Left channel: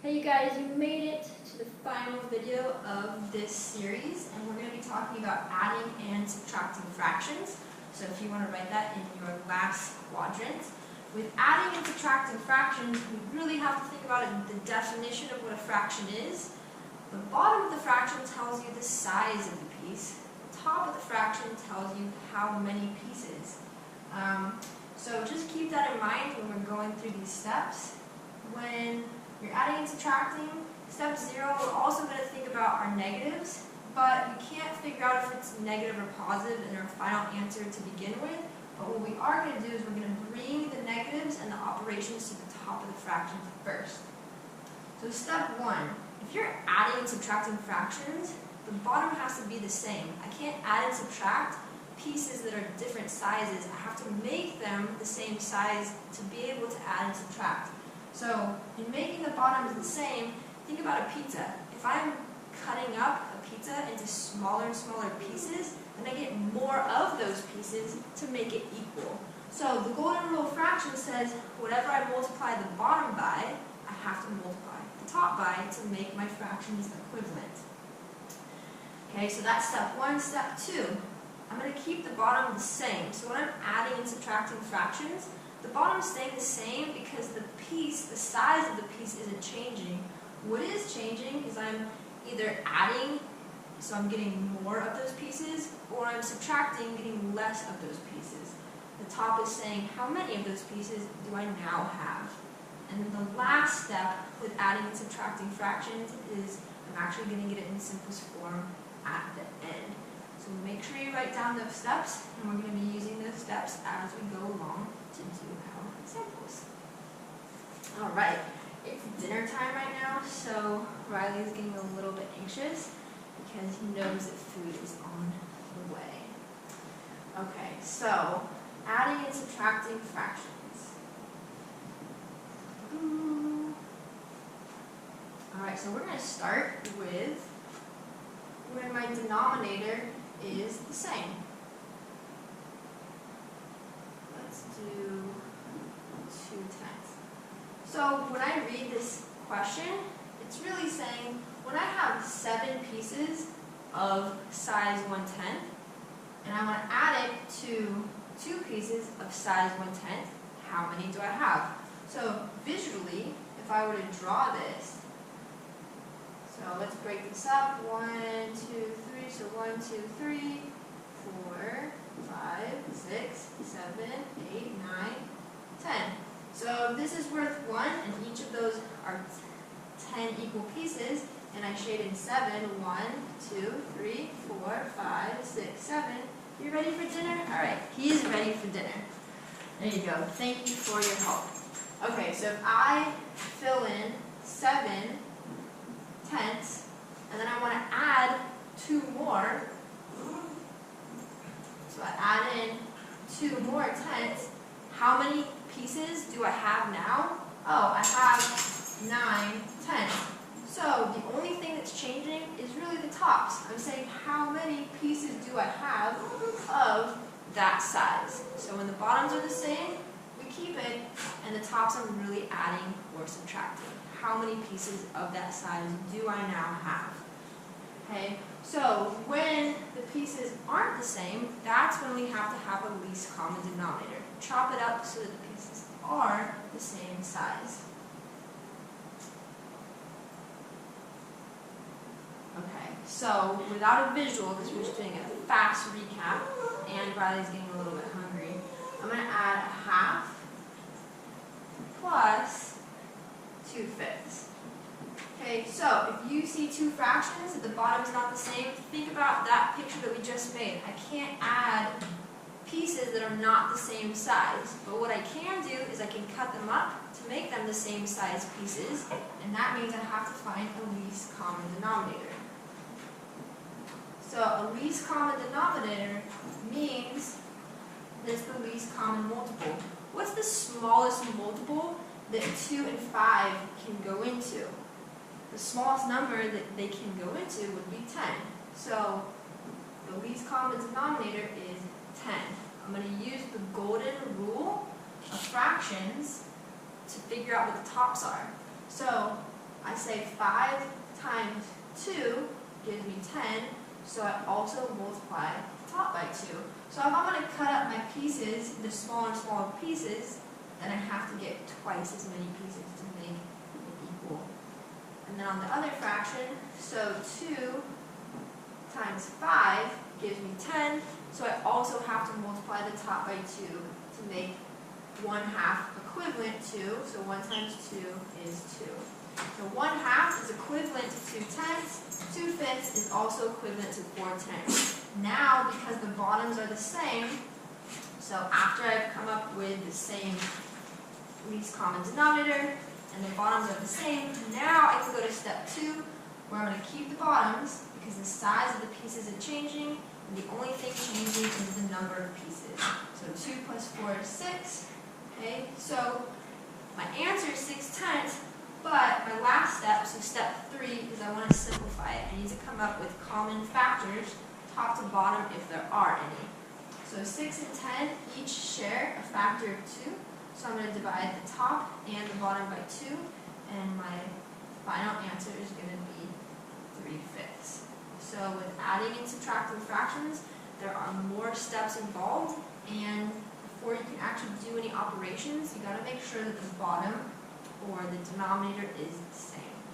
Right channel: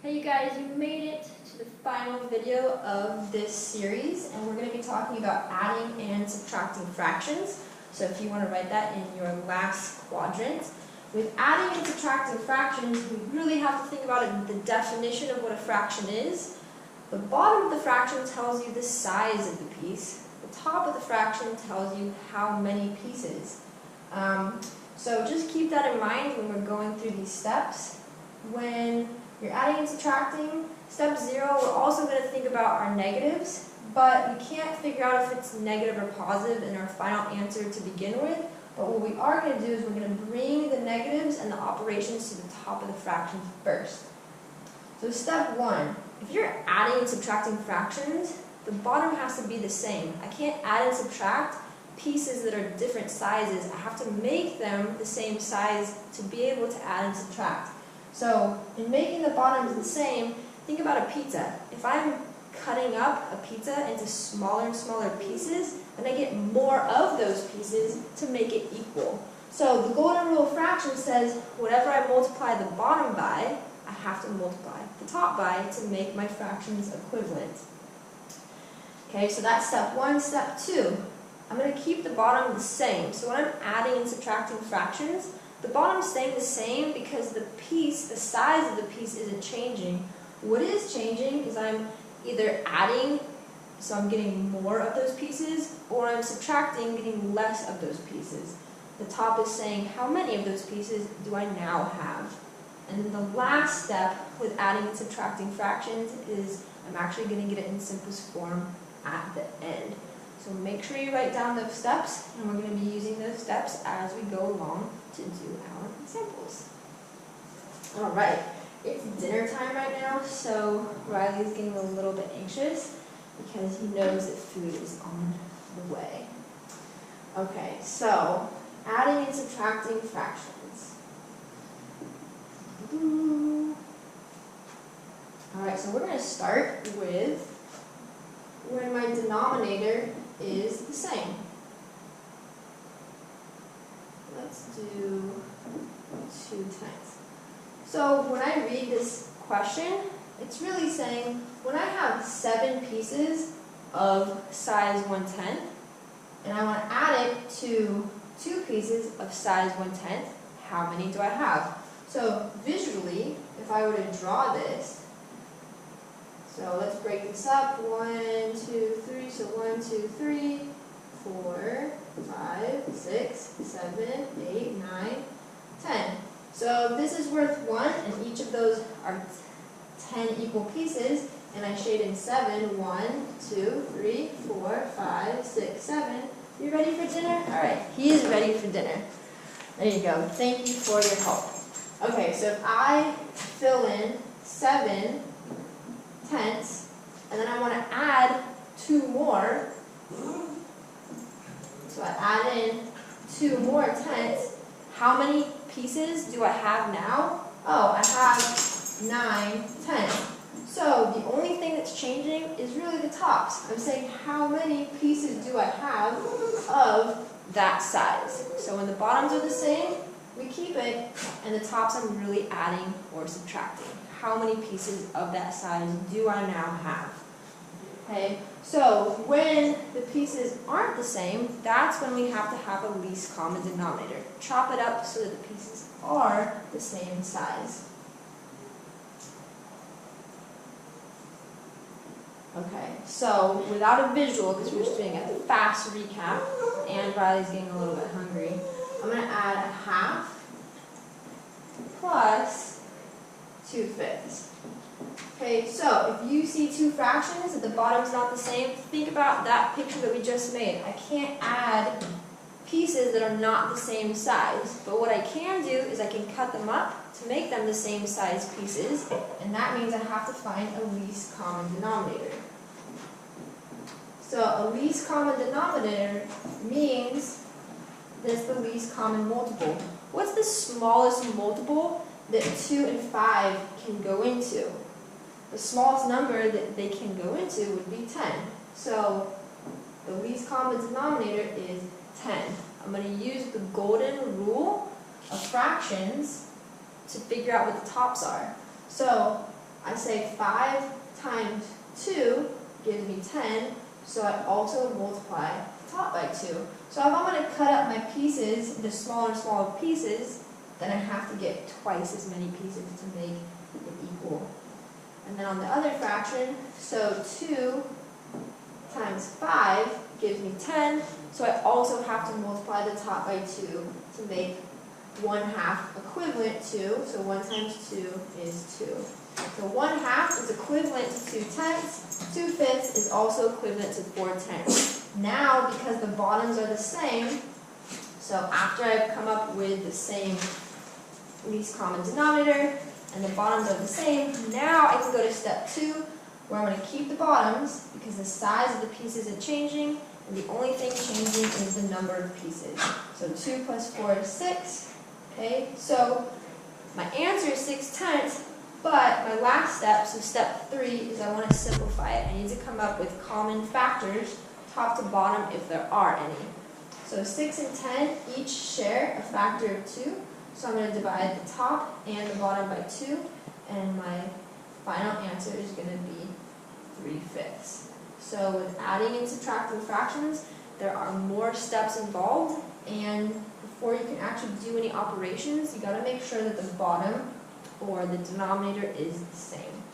Hey you guys, you made it to the final video of this series, and we're going to be talking about adding and subtracting fractions. So if you want to write that in your last quadrant. With adding and subtracting fractions, we really have to think about the definition of what a fraction is. The bottom of the fraction tells you the size of the piece. The top of the fraction tells you how many pieces. So just keep that in mind when we're going through these steps. When you're adding and subtracting, step 0, we're also going to think about our negatives, but we can't figure out if it's negative or positive in our final answer to begin with. But what we are going to do is we're going to bring the negatives and the operations to the top of the fractions first. So step 1, if you're adding and subtracting fractions, the bottom has to be the same. I can't add and subtract pieces that are different sizes. I have to make them the same size to be able to add and subtract. So in making the bottoms the same, think about a pizza. If I'm cutting up a pizza into smaller and smaller pieces, then I get more of those pieces to make it equal. So the golden rule of fractions says whatever I multiply the bottom by, I have to multiply the top by to make my fractions equivalent. Okay, so that's step 1. Step 2, I'm going to keep the bottom the same. So when I'm adding and subtracting fractions, the bottom's staying the same because the size of the piece isn't changing. What is changing is I'm either adding, so I'm getting more of those pieces, or I'm subtracting, getting less of those pieces. The top is saying how many of those pieces do I now have. And then the last step with adding and subtracting fractions is I'm actually going to get it in simplest form at the end. So make sure you write down those steps, and we're going to be using those steps as we go along to do our examples. All right, it's dinner time right now, so Riley is getting a little bit anxious because he knows that food is on the way. Okay, so adding and subtracting fractions. All right, so we're going to start with when my denominator is the same. Let's do 2/10. So when I read this question, it's really saying when I have 7 pieces of size 1/10 and I want to add it to 2 pieces of size 1/10, how many do I have? So visually, if I were to draw this, so let's break this up. 1, 2, 3. So 1, 2, 3, 4, 5, 6, 7, 8, 9, 10. So this is worth 1, and each of those are 10 equal pieces, and I shade in 7. 1, 2, 3, 4, 5, 6, 7. You ready for dinner? All right, he is ready for dinner. There you go. Thank you for your help. Okay, so if I fill in 7 tenths, and then I want to add 2 more, so I add in 2 more tenths, how many pieces do I have now? Oh, I have 9 tenths. So the only thing that's changing is really the tops. I'm saying how many pieces do I have of that size. So when the bottoms are the same, we keep it, and the tops I'm really adding or subtracting. How many pieces of that size do I now have? Okay, so when the pieces aren't the same, that's when we have to have a least common denominator. Chop it up so that the pieces are the same size. Okay, so without a visual, because we're just doing a fast recap, and Riley's getting a little bit hungry, I'm going to add a half plus 2/5. Okay, so if you see 2 fractions and the bottom's not the same, think about that picture that we just made. I can't add pieces that are not the same size, but what I can do is I can cut them up to make them the same size pieces, and that means I have to find a least common denominator. So a least common denominator means that's the least common multiple. What's the smallest multiple that 2 and 5 can go into? The smallest number that they can go into would be 10. So the least common denominator is 10. I'm going to use the golden rule of fractions to figure out what the tops are. So I say 5 times 2 gives me 10, so I also multiply the top by 2. So if I'm going to cut up my pieces into smaller and smaller pieces, then I have to get twice as many pieces to make it equal. And then on the other fraction, so 2 times 5 gives me 10, so I also have to multiply the top by 2 to make 1/2 equivalent to, so 1 times 2 is 2. So 1/2 is equivalent to 2/10. 2/5 is also equivalent to 4/10. Now, because the bottoms are the same, so after I've come up with the same least common denominator and the bottoms are the same, now I can go to step 2, where I'm going to keep the bottoms because the size of the piece isn't changing, and the only thing changing is the number of pieces. So 2 plus 4 is 6. Okay, so my answer is 6/10, but my last step, so step 3, is I want to simplify it. I need to come up with common factors, top to bottom, if there are any. So 6 and 10 each share a factor of 2, so I'm going to divide the top and the bottom by 2, and my final answer is going to be 3/5. So with adding and subtracting fractions, there are more steps involved, and before you can actually do any operations, you got to make sure that the bottom or the denominator is the same.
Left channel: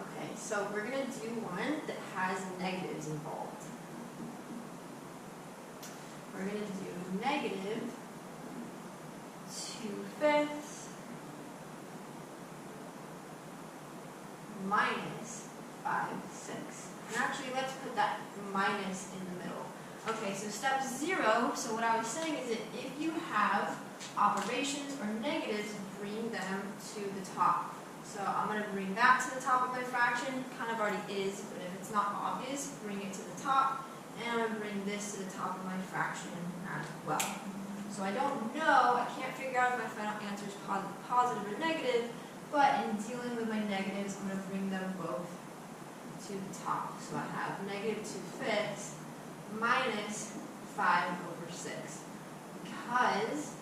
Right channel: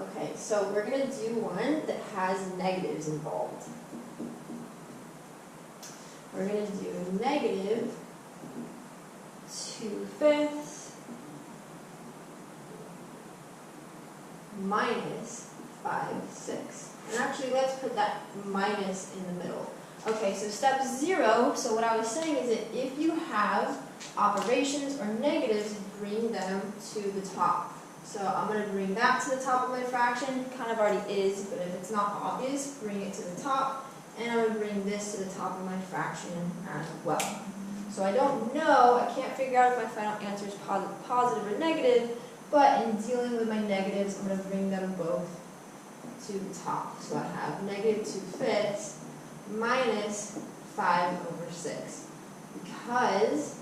Okay, so we're going to do one that has negatives involved. We're going to do negative 2/5 minus 5/6. And actually, let's put that minus in the middle. Okay, so step 0, so what I was saying is that if you have operations or negatives, bring them to the top. So I'm going to bring that to the top of my fraction, kind of already is, but if it's not obvious, bring it to the top. And I'm going to bring this to the top of my fraction as well. So I don't know, I can't figure out if my final answer is positive or negative, but in dealing with my negatives, I'm going to bring them both to the top. So I have negative 2/5 minus 5/6. Because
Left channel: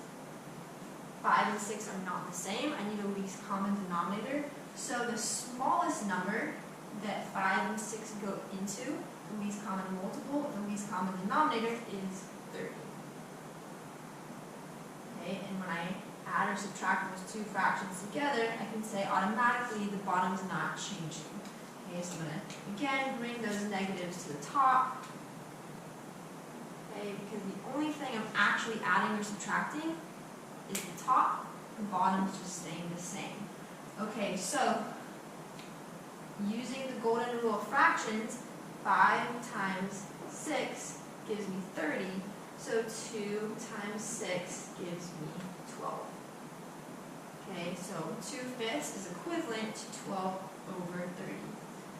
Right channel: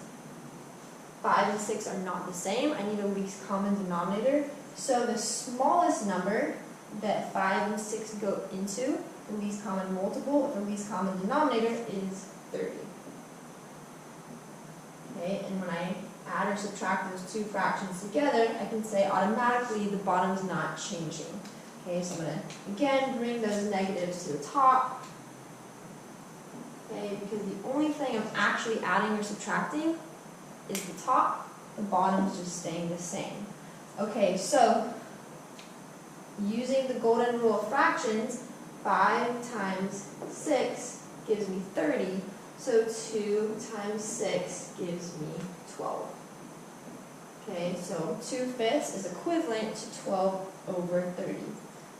5 and 6 are not the same, I need a least common denominator. So the smallest number that 5 and 6 go into, the least common multiple of the least common denominator, is 30. Okay, and when I add or subtract those two fractions together, I can say automatically the bottom's not changing. Okay, so I'm going to, again, bring those negatives to the top. Okay, because the only thing I'm actually adding or subtracting is the top. The bottom's just staying the same. Okay, so using the golden rule of fractions, 5 times 6 gives me 30. So 2 times 6 gives me 12. Okay, so 2/5 is equivalent to 12/30.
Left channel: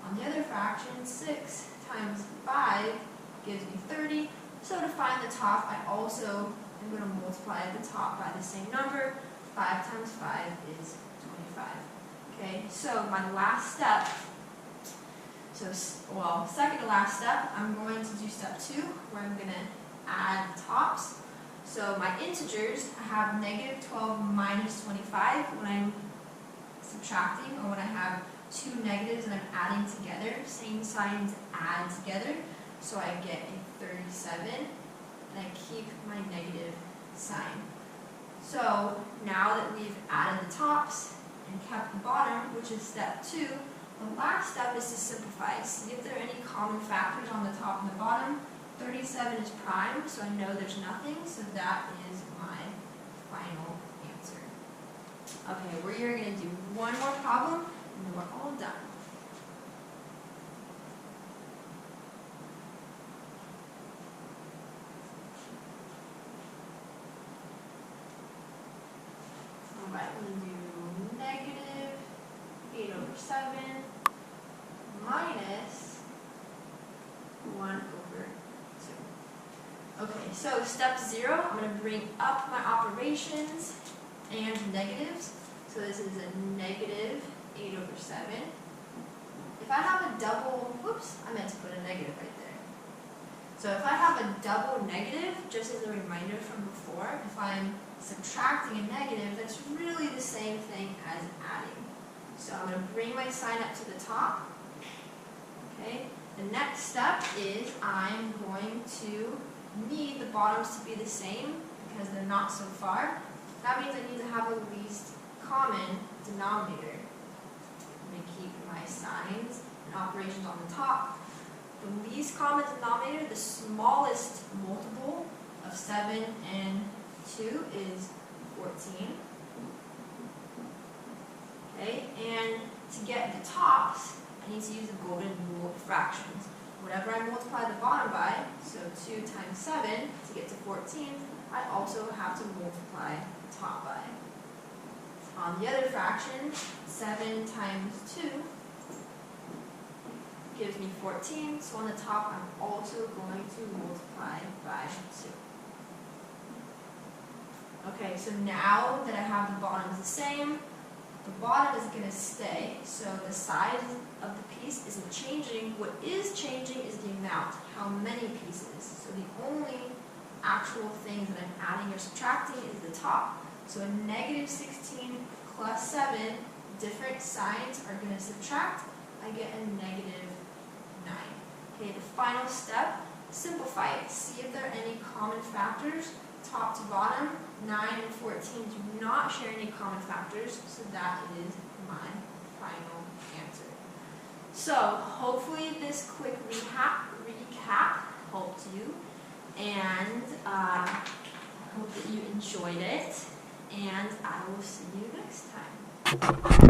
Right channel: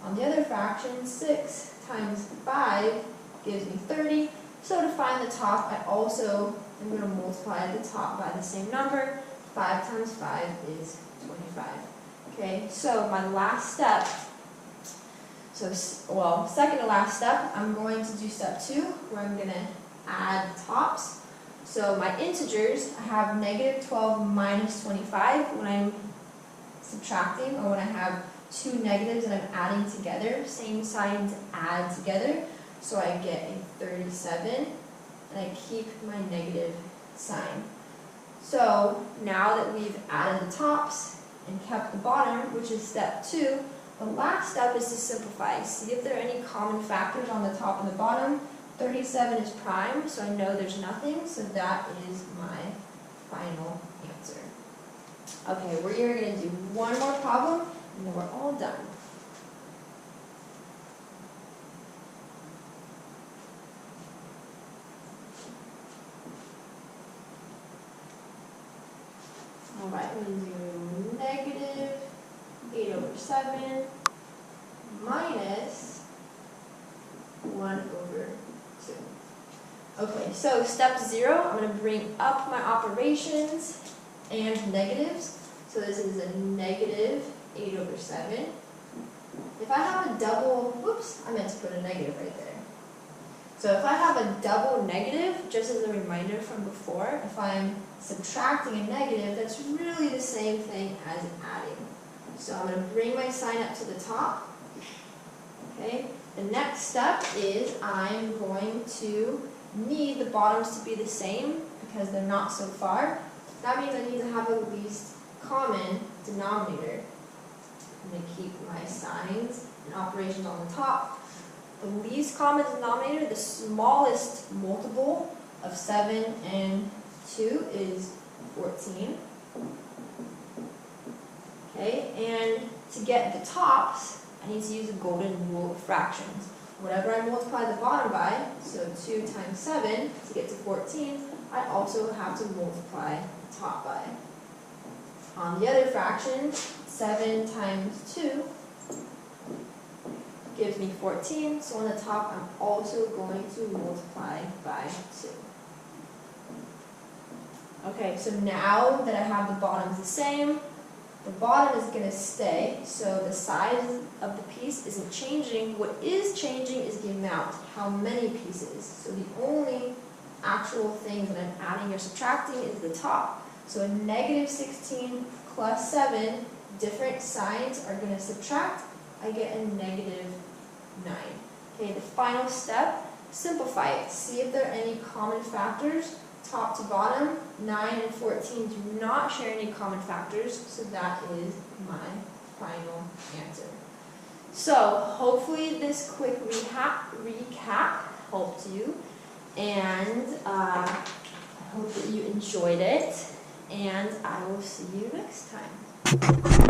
On the other fraction, 6 times 5 gives me 30. So to find the top, I also am going to multiply the top by the same number. 5 times 5 is 25. Okay, so my last step, second to last step, I'm going to do step 2, where I'm going to add the tops. So my integers, I have negative 12 minus 25 when I'm subtracting, or when I have two negatives and I'm adding together, same signs add together, so I get a 37, and I keep my negative sign. So now that we've added the tops and kept the bottom, which is step 2, the last step is to simplify. See if there are any common factors on the top and the bottom. 37 is prime, so I know there's nothing, so that is my final answer. Okay, we're going to do one more problem, and then we're all done. All right, we're going to do negative 8/7 minus 1/2. Okay, so step 0, I'm going to bring up my operations and negatives. So this is a negative 8/7. If I have a double, whoops, I meant to put a negative right there. So if I have a double negative, just as a reminder from before, if I'm subtracting a negative, that's really the same thing as adding. So I'm going to bring my sign up to the top. Okay. The next step is I'm going to need the bottoms to be the same because they're not so far. That means I need to have a least common denominator. I'm going to keep my signs and operations on the top. The least common denominator, the smallest multiple of 7 and 2 is 14. Okay, and to get the tops, I need to use the golden rule of fractions. Whatever I multiply the bottom by, so 2 times 7 to get to 14, I also have to multiply the top by. On the other fraction, 7 times 2 gives me 14, so on the top I'm also going to multiply by 2. Okay, so now that I have the bottoms the same, the bottom is going to stay, so the size of the piece isn't changing. What is changing is the amount, how many pieces. So the only actual thing that I'm adding or subtracting is the top. So a negative 16 plus 7, different signs are going to subtract. I get a negative 9. Okay, the final step, simplify it. See if there are any common factors. Top to bottom, 9 and 14 do not share any common factors, so that is my final answer. So hopefully this quick recap helped you, and I hope that you enjoyed it, and I will see you next time.